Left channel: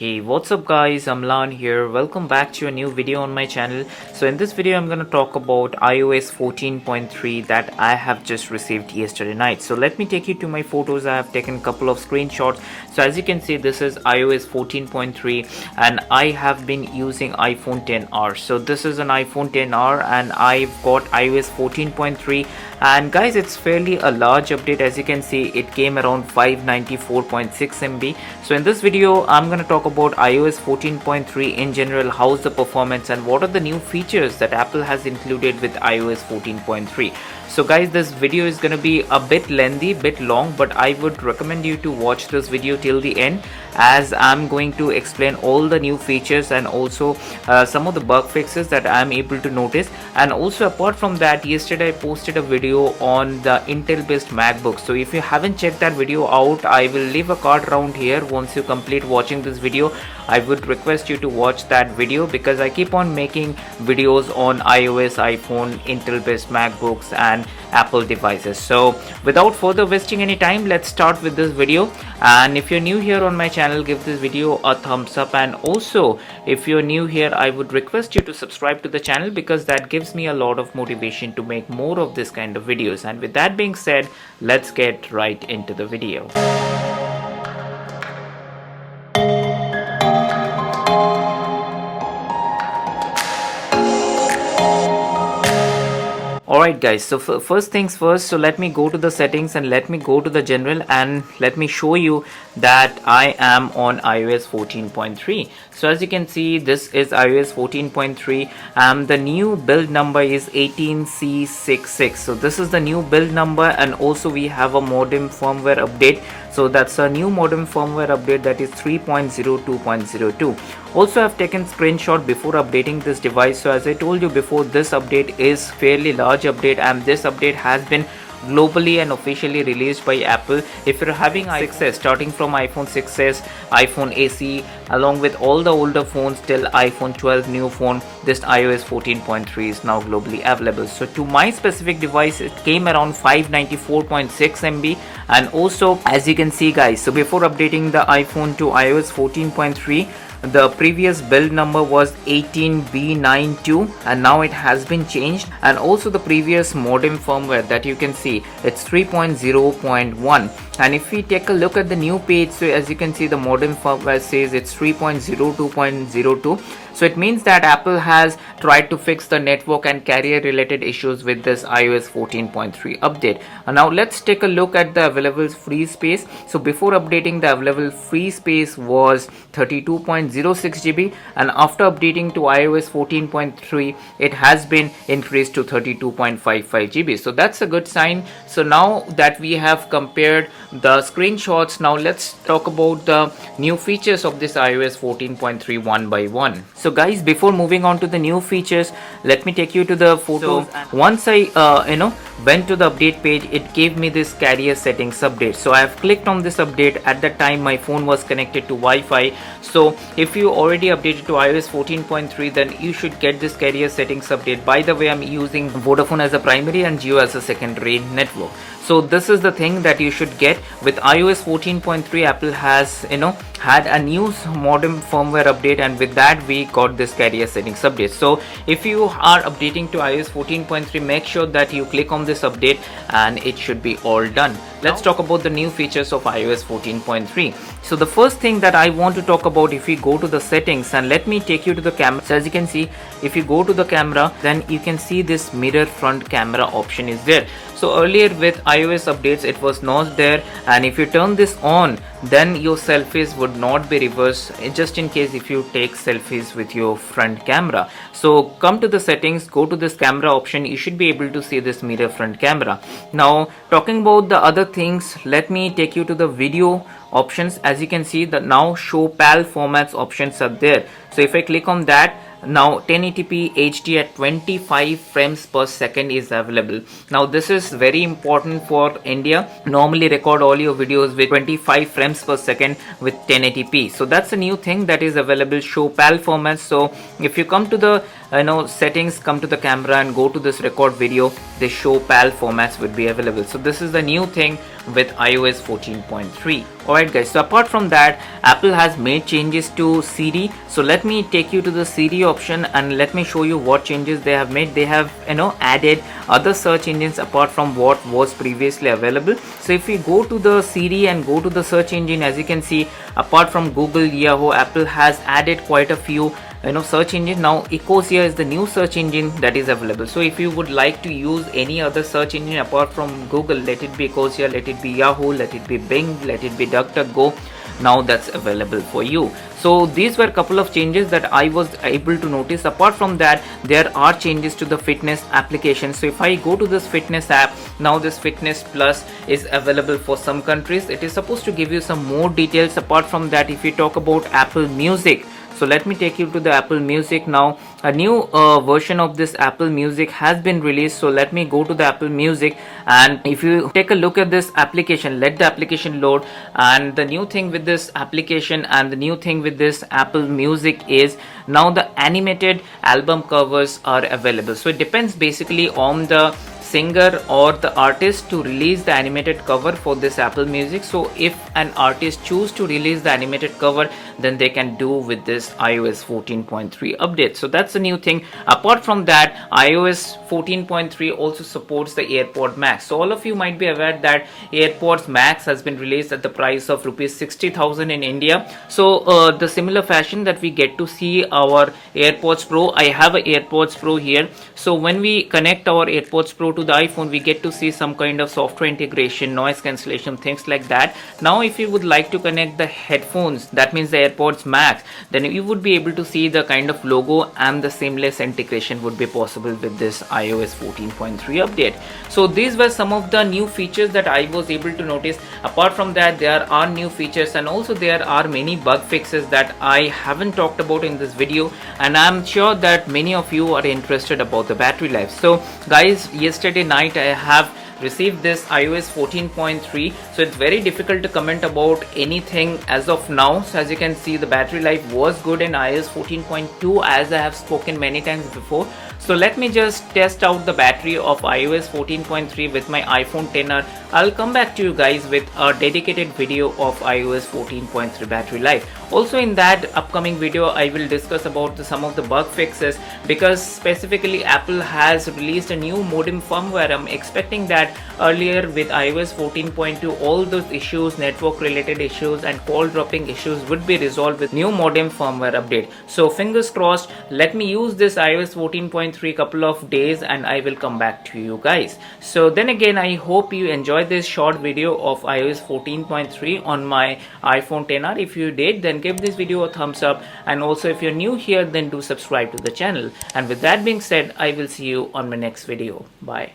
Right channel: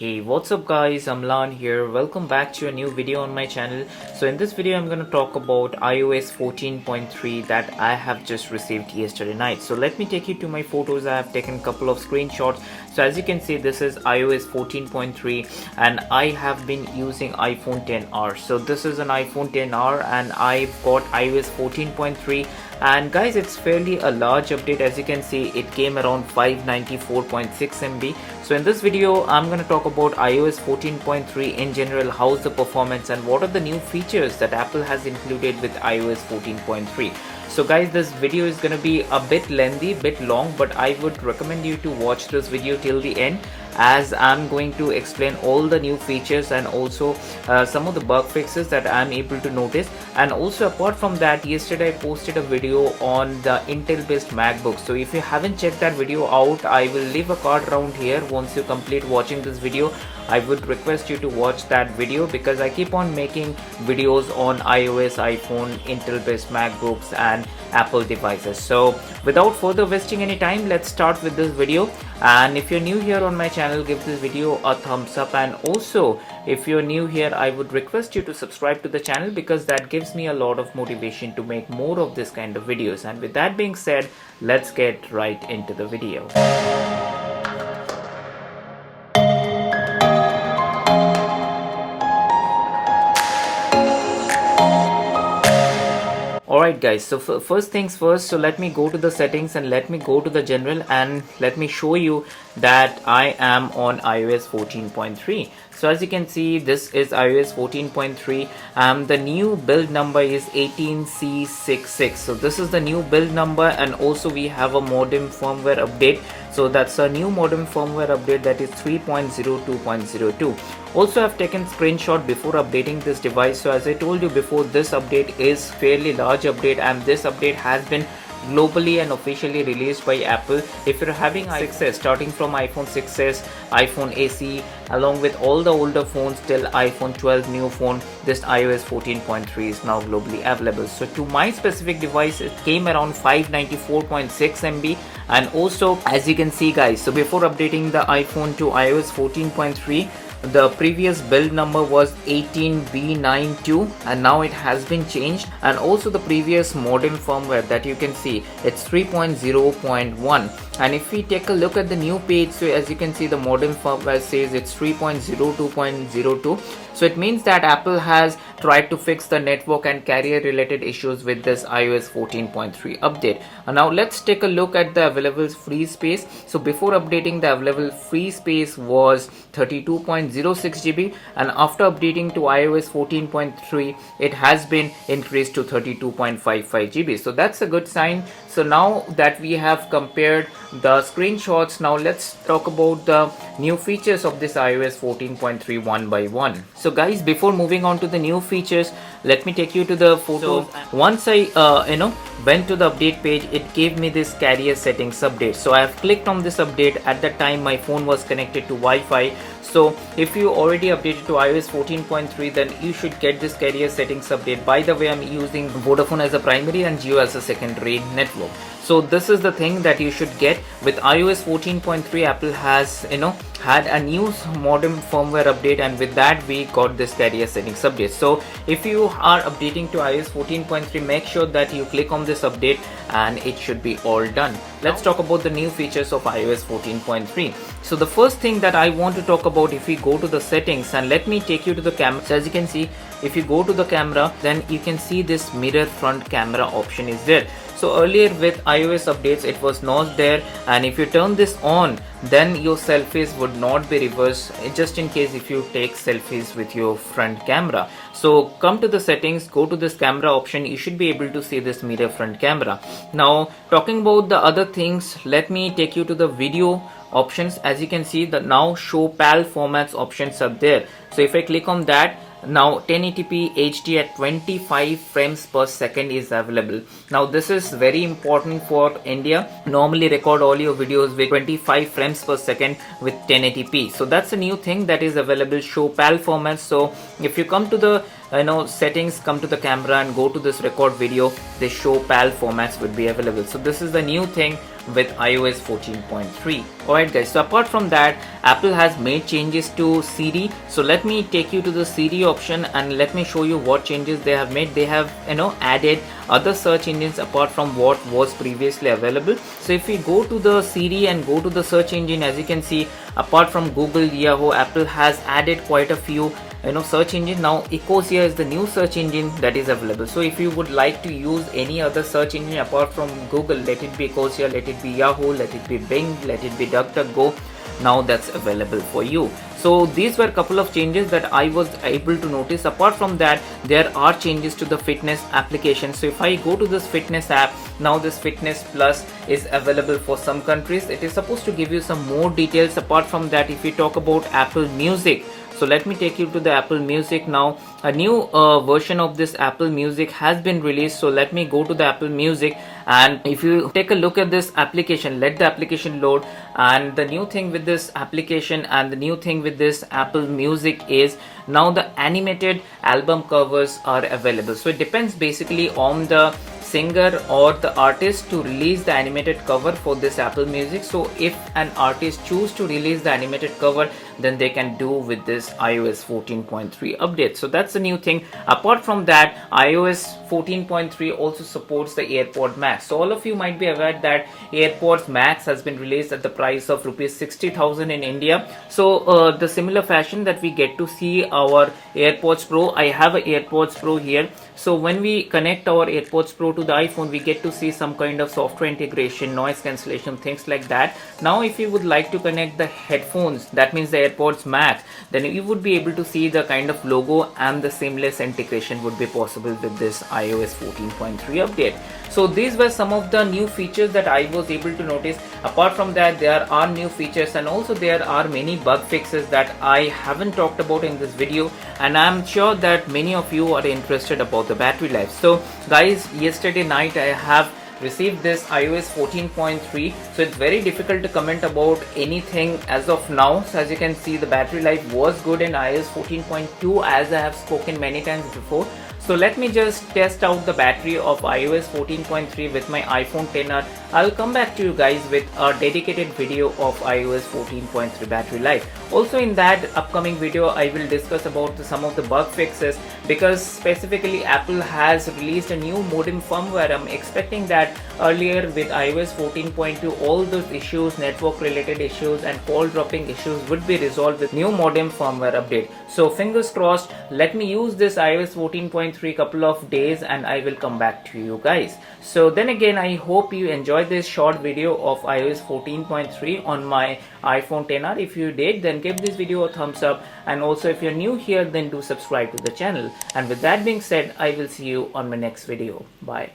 Hey, what's up guys, I'm Lan here. Welcome back to a new video on my channel. So in this video I'm going to talk about iOS 14.3 that I have just received yesterday night. So let me take you to my photos. I have taken a couple of screenshots. So as you can see, this is iOS 14.3 and I have been using iPhone XR. So this is an iPhone XR and I've got iOS 14.3. And guys, it's fairly a large update. As you can see, it came around 594.6 MB. So in this video I'm going to talk about iOS 14.3 in general, how's the performance and what are the new features that Apple has included with iOS 14.3. So guys, this video is going to be a bit lengthy, bit long, but I would recommend you to watch this video till the end, as I'm going to explain all the new features and also some of the bug fixes that I'm able to notice. And also apart from that, yesterday I posted a video on the Intel based MacBook. So if you haven't checked that video out, I will leave a card around here. Once you complete watching this video, I would request you to watch that video, because I keep on making videos on iOS, iPhone, Intel based MacBooks and Apple devices. So without further wasting any time, let's start with this video. And if you're new here on my channel, give this video a thumbs up, and also if you're new here, I would request you to subscribe to the channel, because that gives me a lot of motivation to make more of this kind of videos. And with that being said, let's get right into the video. Alright guys, so first things first, so let me go to the settings and let me go to the general and let me show you that I am on iOS 14.3. So as you can see, this is iOS 14.3 and the new build number is 18C66. So this is the new build number, and also we have a modem firmware update. So that's a new modem firmware update, that is 3.02.02. Also, I've taken screenshot before updating this device. So as I told you before, this update is fairly large update, and this update has been globally and officially released by Apple. If you're having 6s, starting from iPhone 6s, iPhone SE, along with all the older phones till iPhone 12 new phone, this iOS 14.3 is now globally available. So to my specific device, it came around 594.6 MB. And also, as you can see guys, so before updating the iPhone to iOS 14.3, the previous build number was 18B92 and now it has been changed. And also the previous modem firmware that you can see, it's 3.0.1. and if we take a look at the new page, so as you can see, the modem firmware says it's 3.02.02. so it means that Apple has tried to fix the network and carrier related issues with this iOS 14.3 update. And now let's take a look at the available free space. So before updating, the available free space was 32.06 GB, and after updating to iOS 14.3, it has been increased to 32.55 GB. So that's a good sign. So now that we have compared the screenshots, now let's talk about the new features of this iOS 14.3 one by one. So guys, before moving on to the new features, let me take you to the photos. So once I went to the update page, it gave me this carrier settings update. So I have clicked on this update. At that time my phone was connected to Wi-Fi. So if you already updated to iOS 14.3, then you should get this carrier settings update. By the way, I'm using Vodafone as a primary and Jio as a secondary network. So this is the thing that you should get with iOS 14.3. Apple has had a new modem firmware update, and with that we got this carrier settings update. So if you are updating to iOS 14.3, make sure that you click on this update and it should be all done. Let's talk about the new features of iOS 14.3. So the first thing that I want to talk about, if we go to the settings and let me take you to the camera. So as you can see, if you go to the camera, then you can see this mirror front camera option is there. So earlier with iOS updates, it was not there, and if you turn this on, then your selfies would not be reversed, just in case if you take selfies with your front camera. So come to the settings, go to this camera option, you should be able to see this mirror front camera. Now talking about the other things, let me take you to the video options. As you can see, the now show PAL formats options are there. So if I click on that, now 1080p HD at 25 frames per second is available. Now this is very important for India. Normally record all your videos with 25 frames per second with 1080p. So that's a new thing that is available, show PAL formats. So if you come to the settings, come to the camera and go to this record video, the show PAL formats would be available. So this is the new thing with iOS 14.3. Alright guys, so apart from that, Apple has made changes to Siri. So let me take you to the Siri option and let me show you what changes they have made. They have added other search engines apart from what was previously available. So if we go to the Siri and go to the search engine, as you can see, apart from Google, Yahoo, Apple has added quite a few search engine. Now Ecosia is the new search engine that is available. So if you would like to use any other search engine apart from Google, let it be Ecosia, let it be Yahoo, let it be Bing, let it be DuckDuckGo, now that's available for you. So these were a couple of changes that I was able to notice. Apart from that, there are changes to the fitness application. So if I go to this fitness app, now this Fitness Plus is available for some countries. It is supposed to give you some more details. Apart from that, if we talk about Apple Music, so let me take you to the Apple Music now. A new version of this Apple Music has been released. So let me go to the Apple Music, and if you take a look at this application, let the application load. And the new thing with this application and the new thing with this Apple Music is now the animated album covers are available. So it depends basically on the singer or the artist to release the animated cover for this Apple Music. So if an artist choose to release the animated cover, then they can do with this iOS 14.3 update. So that's a new thing. Apart from that, iOS 14.3 also supports the AirPod Max. So all of you might be aware that AirPods Max has been released at the price of rupees 60,000 in India. So the similar fashion that we get to see our AirPods Pro, I have a AirPods Pro here. So when we connect our AirPods Pro to the iPhone, we get to see some kind of software integration, noise cancellation, things like that. Now if you would like to connect the headphones, that means the AirPods Max, then you would be able to see the kind of logo and the seamless integration would be possible with this iOS 14.3 update. So these were some of the new features that I was able to notice. Apart from that, there are new features and also there are many bug fixes that I haven't talked about in this video, and I'm sure that many of you are interested about the battery life. So guys, yesterday night I have received this iOS 14.3. so it's very difficult to comment about anything as of now. So as you can see, the battery life was good in iOS 14.2, as I have spoken many times before. So let me just test out the battery of iOS 14.3 with my iPhone XR. I'll come back to you guys with a dedicated video of iOS 14.3 battery life. Also in that upcoming video, I will discuss about some of the bug fixes, because specifically Apple has released a new modem firmware. I'm expecting that earlier with iOS 14.2, all those issues, network related issues and call dropping issues would be resolved with new modem firmware update. So fingers crossed. Let me use this iOS 14.3 couple of days and I will come back to you guys. So then again, I hope you enjoyed this short video of iOS 14.3 on my iPhone XR. If you did, then give this video a thumbs up, and also if you're new here, then do subscribe to the channel. And with that being said, I will see you on my next video. Bye.